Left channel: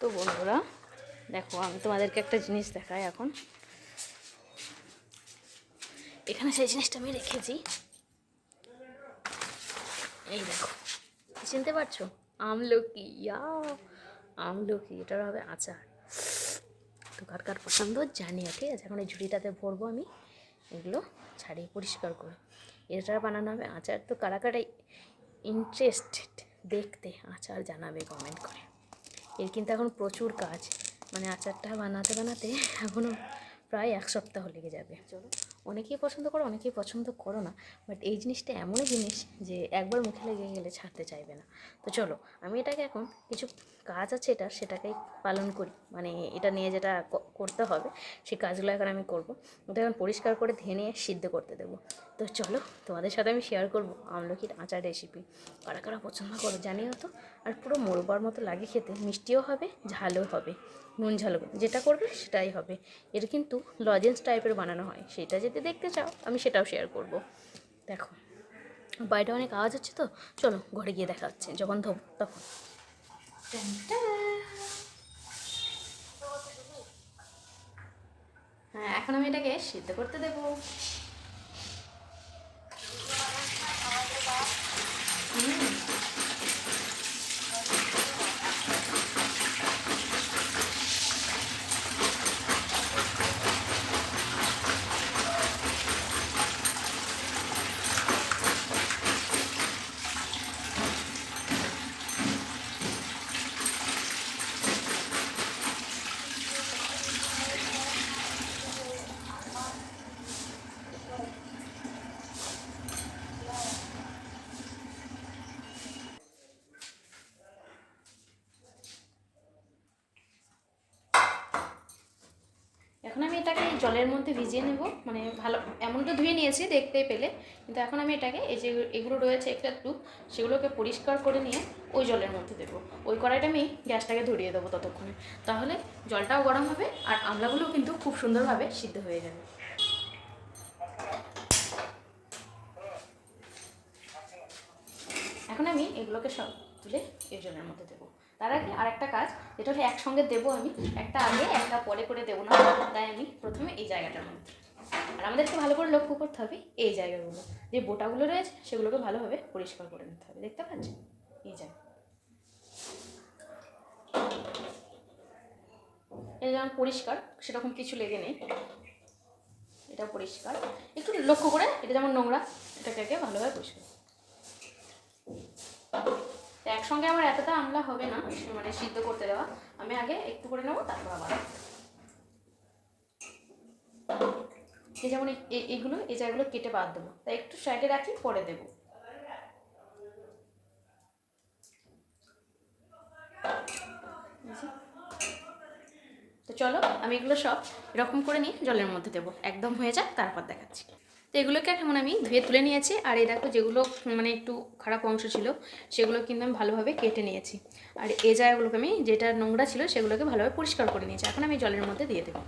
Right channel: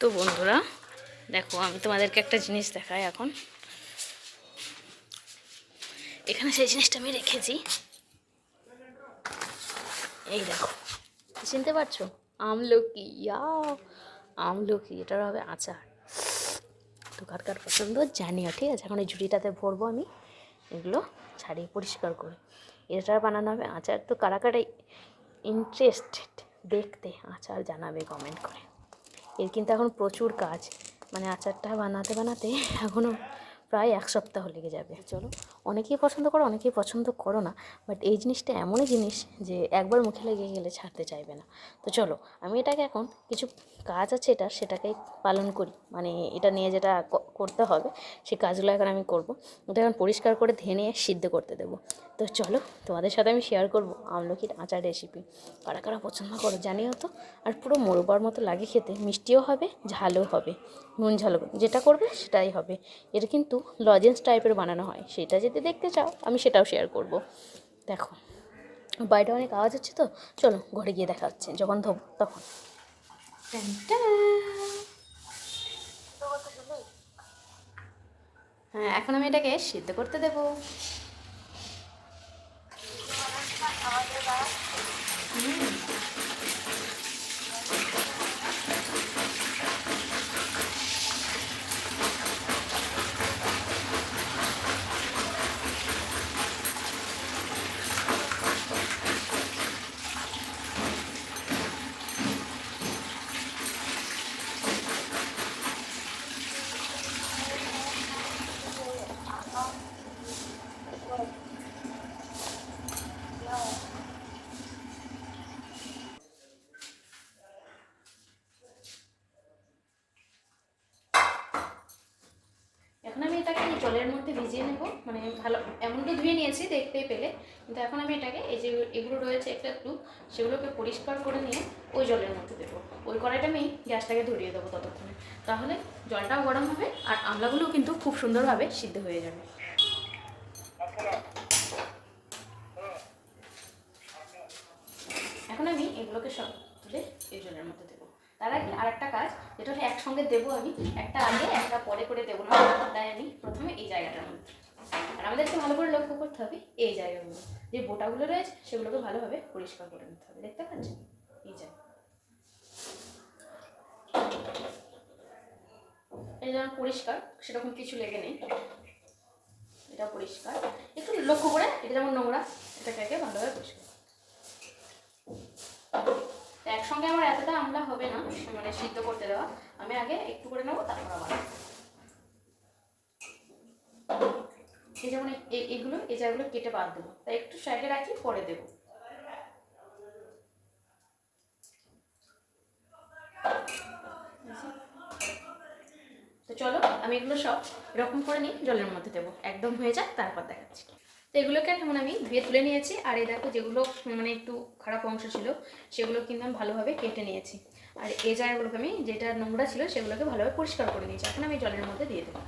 তো বন্ধুরা দেখো, আমি তোমাদেরকে একটা জিনিস দেখাই। এখন এখানে সেই জিনিসটা আমি রেখেছি, এই দেখো, চিনতে পারছো? আমলকি। আমলকি, এটার হবে আচার। তো কার কার পছন্দ জানিও, ঠিক আছে? এখন এই ঝুড়িটাতে ভরবো আমি এগুলো, ছাড়িয়ে পরিষ্কার করে এটা বানানো হবে আচার। তো কারা কারা ইন্টারেস্টেড দেখতে আচার জানাবে কমেন্ট করে। এর কিন্তু এখন প্রচুর কাজ, মানে আচারটা বানাতে বানাতে এখনও প্রায় 1 সপ্তাহ লেগে যাবে। চলো, অনেকেই পছন্দ করো, অনেকেই পছন্দ করো না, বাট এই জিনিসটা এমনই জিনিস যে একবার মুখে লেগে গেলে ছাড়তে চাইবে না। তো চলো, আমি এটাকে এখন কিছু কাজ আছে সেটাকেই পালন করি, মানে এটা নিয়ে যেটা করতে হবে সেই কাজগুলো এখন আমি করব। এটা এখন পরিষ্কার করে ধুয়ে নিয়ে সিদ্ধ করতে দেবো। তো চলো, তোমাদের সাথে আমি শেয়ার করবো আমলকির আচার রেসিপি। কারা কারা পছন্দ করো জানিও তো। আর পুরো মোরবার মতো লাগে খেতে, মিষ্টিও হবে, ঝালও হবে, নুন ঝাল যেটা করবে সেটাই হবে। এটা কিন্তু লজেন্স টাইপের বানানো হয়, সেটা যদি দেখতে চাও আমি সেটাও শেয়ার করব। দেখো, বাইরে অনেক আওয়াজ হচ্ছে, তো চলো ঘরে গিয়ে দেখা হচ্ছে যখন ধোবো তখন। হ্যাঁ, এখন আমি এটাকে সিদ্ধ করতে দেবো। এখন আমি এটাকে এই জলের মধ্যে ভিজিয়ে নেব, মানে ভালো এমন তো ধুয়ে নিয়েছি দেখতেই পেলে, কিন্তু এখন আমি এটাকে এই যে এগুলো রয়েছে একটু একটু, সেগুলোকে পরিষ্কার করে নিয়ে ওই জলের মধ্যে দেবো। ওই কড়াইটা আমি গ্যাসটাকে ধরিয়ে দেবো ততক্ষণে, তাহলে জলটাও গরম হবে আর আমড়াগুলোও কিন্তু খুব সুন্দরভাবে সিদ্ধ হয়ে যাবে। এখন আমি এগুলোকে সব তুলে এই জলের মধ্যে দেবো। তার আগে আরেকটা কাজ, যেটা হচ্ছে একসঙ্গে দেবো আমি, একটা আগে একটা পরে করে দেবো না, তাই আমি প্রথমে এই জায়গাটার মধ্যে। আর আমাদেরকে ভালো করে লক্ষ্য করতে হবে এই জায়গাগুলো, যে বোটাগুলো রয়েছে সেগুলোকে ভালোভাবে পরিষ্কার করে নিতে হবে। দেখতে পাচ্ছেন এই জায়গা, এটা যেমন পরিষ্কার, সেরকম কিছু লেগে নেই, এটা পরিষ্কার। একটু লক্ষ্য করে, এটা যেমন নোংরা, এটাকে আগে ভালোভাবে পরিষ্কার। তো একসঙ্গে আমার এতটা আমলা হবে না, মানে সিদ্ধ করতে দেওয়া, আমি আগে একটু করে নেবো, তারপর আবার। এই যেমন এইগুলো, এই জায়গাগুলো কেটে বাদ দেবো, তাই একটু সাইডে রাখি, পরে দেবো। তো চলো, আমি এগুলো সব এরকম করে নিয়ে জলের মধ্যে দেবো, একদম হয়ে যাক তারপর দেখাচ্ছি। তো এগুলোকে এখন আমি ধুয়ে তুলে নিয়েছি, আর এই দেখো যেগুলো মানে একটু খারাপ অংশ ছিল সেগুলো কিন্তু আমি ভালোভাবে কেটে নিয়েছি। আর এই জায়গাগুলোকে আমি, যেটা নোংরা ছিল সেগুলোকে ভালোভাবে পরিষ্কার করে নিয়েছি। এখন আমি জলের মধ্যে দিয়ে দেবো।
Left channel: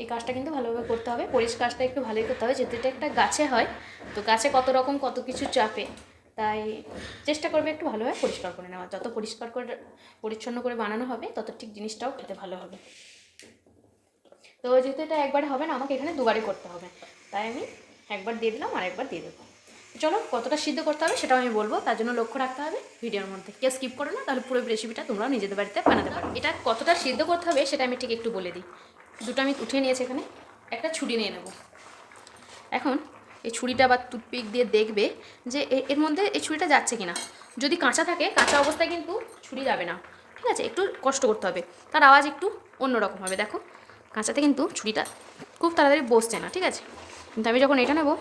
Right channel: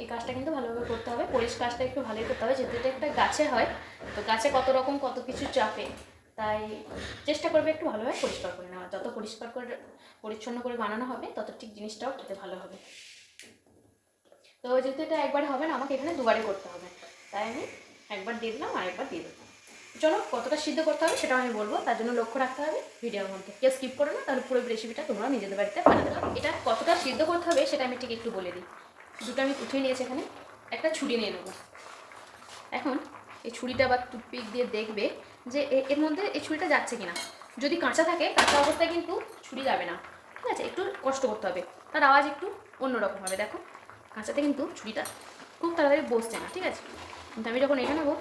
এই কাজটা কিন্তু ভালোভাবে করতে হবে, কাজটা একটু ভালোই করতে হবে, যেহেতু এটা একটা গাছে হয়, তো গাছে কত রকম কত কিছু চাপে, তাই চেষ্টা করবে একটু ভালোভাবে পরিষ্কার করে নেওয়া। যত পরিষ্কার করে পরিচ্ছন্ন করে বানানো হবে তত ঠিক জিনিসটাও খেতে ভালো হবে। তো যেহেতু এটা একবারে হবে না, আমাকে এখানে দুবারই করতে হবে, তাই আমি একবার দিয়ে দিলাম আর একবার দিয়ে দেবো। চলো, কতটা সিদ্ধ করতে হবে সেটাও আমি বলবো, তার জন্য লক্ষ্য রাখতে হবে ভিডিওর মধ্যে, কেউ স্কিপ করো না, তাহলে পুরো রেসিপিটা তোমরাও নিজেদের বাড়িতে বানাতে পারো। এটা কতটা সিদ্ধ করতে হবে সেটা আমি ঠিক একটু বলে দিই। দুটো আমি উঠিয়ে নিয়েছি, এখানে একটা ছুরি নিয়ে নেব। এখন এই ছুরিটা বা টুথপিক দিয়ে দেখবে যে এর মধ্যে এই ছুরিটা যাচ্ছে কিনা। যদি কাঁচা থাকে, কাঁচা অবস্থায় কিন্তু ছুরি যাবে না, ঠিক আছে? একটু কষ্ট করতে হবে, তার আওয়াজ একটু অন্যরকম হবে। দেখো, কাঁচাতে কিন্তু ছুরিটা খুব তাড়াতাড়ি বসছে না, ঠিক আছে? কিন্তু আমি যখন এটা নেবো,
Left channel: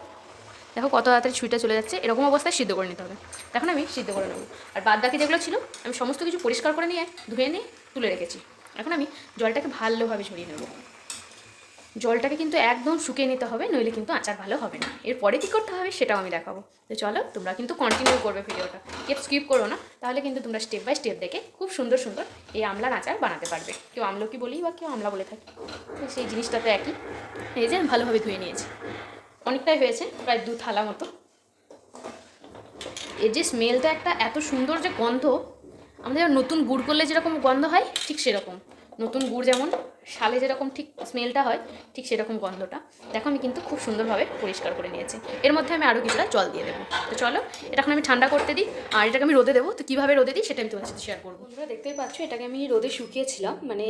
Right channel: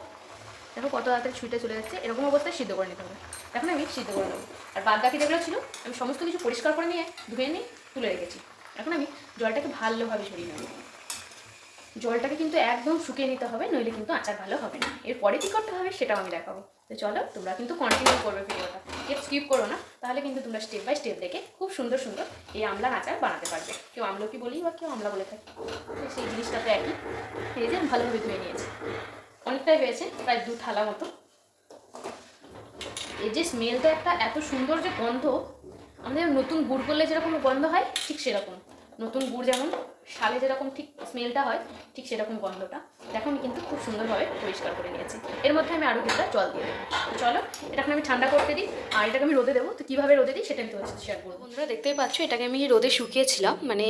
দেখো কত তাড়াতাড়ি ছুরিটা চলে যাচ্ছে। এরকম অবস্থায় সিদ্ধ করে নিতে হবে। এখন আমি সিদ্ধ করে নেবো। আর বাদ বাকি যেগুলো ছিল আমি সমস্ত কিছু পরিষ্কার করে নিয়ে ধুয়ে নিয়ে তুলে রেখেছি। এখন আমি জলটাকে ভালোভাবে ঝরিয়ে নেবো। জলটাকে কিন্তু একদম শুকিয়ে নিতে হবে, নইলে কিন্তু আচার ভালো হবে না। এরপরে কী করতে হবে সেটাও আমি দেখাবো। তো চলো, তোমরা কিন্তু কন্টিনিউ করবে ভিডিওটা, কেউ স্কিপ করো না, তাহলে কিন্তু তোমরা স্টেপ বাই স্টেপ দেখে খুব সুন্দর সুন্দর এই আমলার আচার বানাতে পারবে। কেউ আমলকি বলি বা কেউ আমলা বলে থাকে, সেই জিনিসটা তো একই। এই যে ভালোভাবে ধুয়ে নিয়েছি, অনেকটাই হয়েছে, প্রায় 2 থালা মতো। এর যে স্মেলটা একটা এত সুন্দর যে গন্ধ, আমাদের নতুন গুড় করলে যেরকম গন্ধ হয় ঠিক সেরকম, নতুন গুড় যেমন শালে যেরকম ঠিক স্মেলটা হয় ঠিক সেরকম গন্ধটা। দেখো আমি কিন্তু খুব সুন্দরভাবে পরিষ্কার করে নিয়েছি। এর মধ্যে আমি আরও কিছুটা জল দিয়ে দেবো। তো চলো এটা এখন আমি ঠান্ডা করতে দিই, আর এটাকে আমি রোদে দেবো। তো কীভাবে রোদে দিই সেটা আমি তোমার সাথে শেয়ার করবো। বন্ধুরা দেখতেই পাচ্ছ এটাকে আমি রোদে শুকিয়েছিলাম, মানে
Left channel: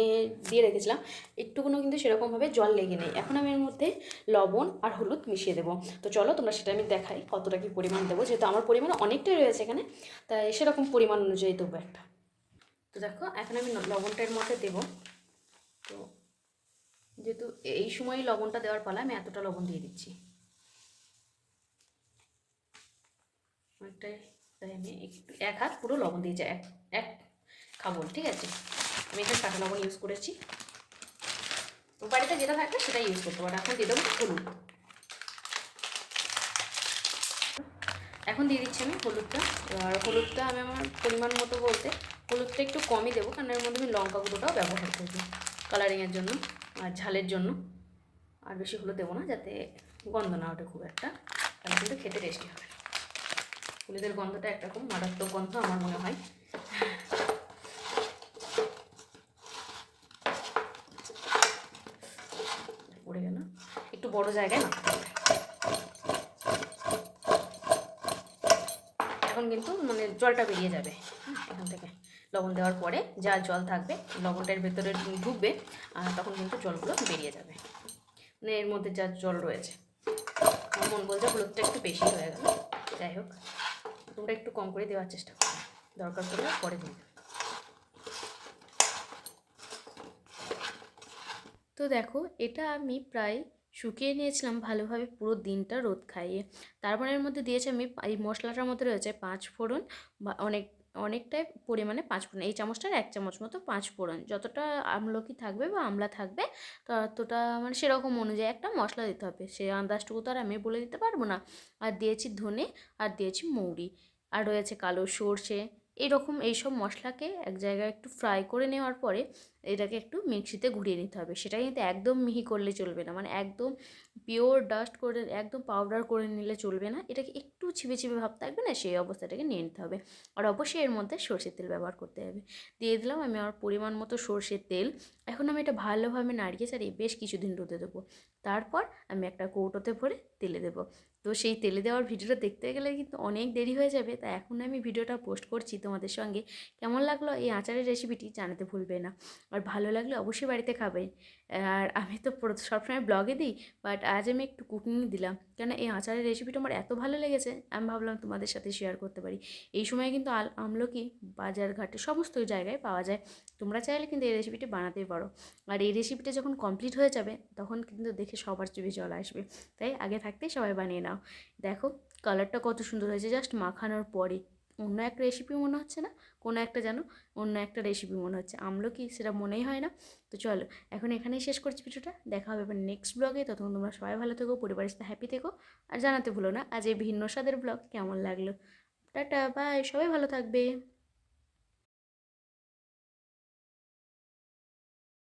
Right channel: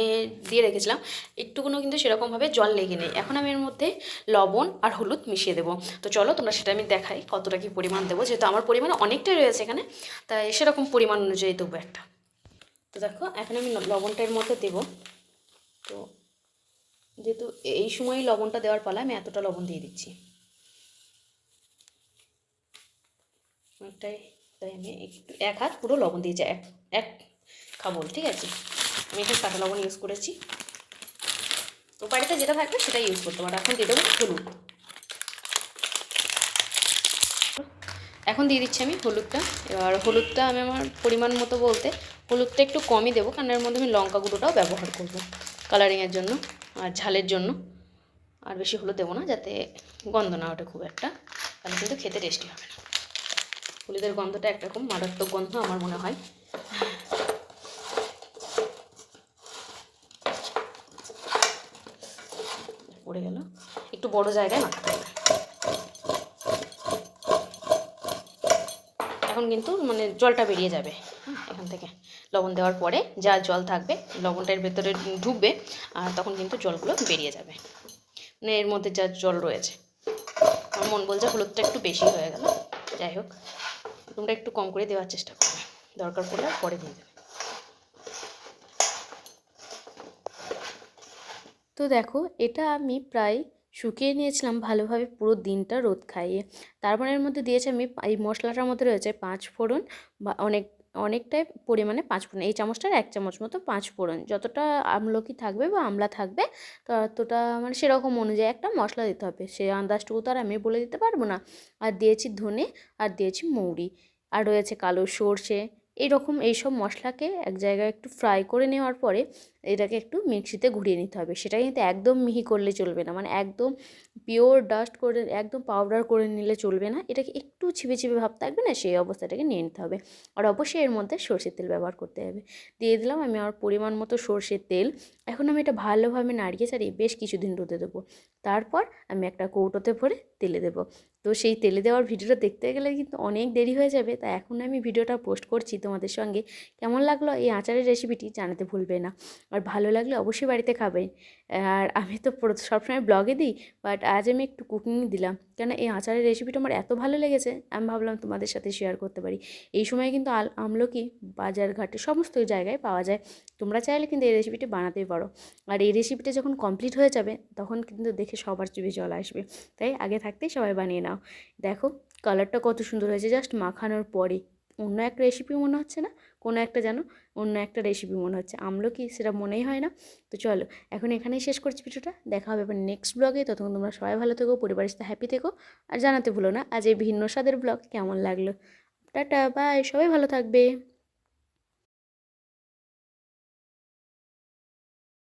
দিয়ে রেখেছিলাম, একটুকুনো কিন্তু সেরকমভাবে জল লেগে নেই। এখন আমি এর মধ্যে লবণ আর হলুদ মিশিয়ে দেবো। তো চলো তোমরা সেটা আমি দেখাই কতটা কী পরিমাণ দেবো, যেহেতু আমার পরিমাণ অনেকটাই রয়েছে এখানে, তাই সেরকম পরিমাণ অনুযায়ী দেবো একটা। তো দেখো এখন আমি লবণটার মধ্যে দেবো। তো যেহেতু এই সময়ই লবণটা দেওয়ার পালা, আমি এতটা লবণ দিয়ে দিচ্ছি অনেকটাই, তাই আমি একটু 1 হাত পুরো লবণ দিয়েছি, এক খাবল, ঠিক আছে। আমি একটু কাঁচা লবণ ইউজ করেছি, তো বাড়িতে যেটা থাকবে সেটাই ইউজ করতে পারো। এখন দিয়ে দেবো হলুদ, এখন দিয়ে দিচ্ছি আমি হলুদটা। এবার হলুদটা আমি আমার পরিমাণ মতো বলতে হলুদটা একটু কমই দেবো, কারণ এর মধ্যে আমি লঙ্কা গুঁড়োটাও ব্যবহার করবো কালারিংয়ের জন্য আর ঝালের জন্য। আর বেশি হলুদ দেবো না, যাতে গন্ধ না ওঠে খুব একটা, তাহলে কিন্তু খেতে টেস্টি হবে না। হলুদের গন্ধটা একরকম মারাত্মক গন্ধ আমার মনে হয়। পড়ে গেল, একটু বড় জায়গায় মাখতে হবে। এখন কিন্তু মানে জলটা বেরিয়ে যাবে এখান থেকে, লবণ দেওয়ার পরে যা জল থাকবে লবণটার ভেতরে ঢুকবে, আর তখন কিন্তু জলগুলো বেরিয়ে যাবে, মানে এর মধ্যে যা জল রয়েছে। আমার মন বলছে হলুদটা একটু বেশি হয়ে গেল, যাই হোক তোমরা একটু কম করে দেওয়ার চেষ্টা করবে, দরকার পড়লে পরে দিয়ে দেবে। তো দেখো এটা আমি প্রায় শুকিয়ে নিয়েছিলাম ভালোভাবে পুরো দিনটা রোদ খাইয়ে। তারপরে এর মধ্যে দিয়েছি আমি, এই মশলাটার মধ্যে রয়েছে 5 ফোড়ন, বা অনেকটাই পরিমাণে 5 ফোড়ন, এই চামচটার 1 চামচ মতো 5 ফোড়ন, যতটা আমলকি থাকবে বা আমলা থাকবে ততটা মানে সেরকম অনুযায়ী একটা মশলা দিতে হবে, সেই আন্দাজটুকু তো আর আমি বলে দিতে পারবো না। আর দিয়েছি ধনে, আর দিয়েছি মৌরি, আর রয়েছে কালো সর্ষে। এইসব মশলাকে এক জায়গায় একটু ফ্রাই করে নেওয়ার পরে এটাকে একটু মিক্সিতে ঘুরিয়ে নিতে হবে। সেটা কিন্তু একদম মিহি করলে চলবে না, মানে একদম পিওর ডাস্ট করে একদম পাউডার করে নিলে চলবে না, এটাকে একটু ছিপে ছিপে ভাব থাকবে না, সেই অবস্থাটাকে নিয়ে নিতে হবে। আর অবশ্যই এর মধ্যে সরষের তেল ব্যবহার করতে হবে। দিয়ে দিলাম আমি আমার পরিমাণ মতো সরষের তেল। এখন আমি এটা ভালোভাবে নাড়িয়ে চাড়িয়ে বেশ কিছুদিন রোদে দেবো। তারপর আমি একটা কৌটোতে ভরে তেলে দেবো। তো সেই তেলে দেওয়ার ভিডিওটা দেখতে গেলে কিন্তু অনেক দেরি হয়ে যাবে, তাই এখন আমি ভিডিওটা পোস্ট করছি তোমাদের সঙ্গে। কেমন লাগলো এই আচারের রেসিপিটি জানাতে ভুলবে না, আর ভালো লাগলে অবশ্যই বাড়িতে খাবে। আর আমি তো সবসময় ব্লগে দিই, বাট আজ আমি একটু কুকিং দিলাম, কেন এই আচারের রেসিপিটা আমার এত ভালো লেগেছে, আমি ভাবলাম তোমাদের সাথে শেয়ার করতে পারি। এই সময় কিন্তু আমলকি বাজার ঘাটে সমস্ত জায়গায় পাওয়া যায়, তোমরা চাইলে কিন্তু এই রেসিপিটি বানাতেই পারো। আর এই রেসিপিটা যখন কমপ্লিট হয়ে যাবে তখন কিন্তু দেখে সবার জিভে জল আসবে, তাই আগে থাকতেই সবাই বানিয়ে নাও। দেখো কালারটা কত সুন্দর হয়েছে জাস্ট মাখানোর পরে, অন্য একটা রেসিপি মনে হচ্ছে না, কোনো একটা যেন অন্য একটা রেসিপি মনে হচ্ছে, আমলকি সেটা মনেই হয় না। তো চলো এখন এখানেই শেষ করছি ভিডিওটা, দেখা হবে এবার নেক্সট ব্লগে। ততক্ষণ তোমরা সবাই ভালো থেকো, পরিবারের সাথে হ্যাপি থেকো, আর জানাতে ভুলো না আজ এই ভিন্ন স্বাদের ব্লগ কেমন লাগলো। টাটা বাই, সবাই ভালো থাকবে।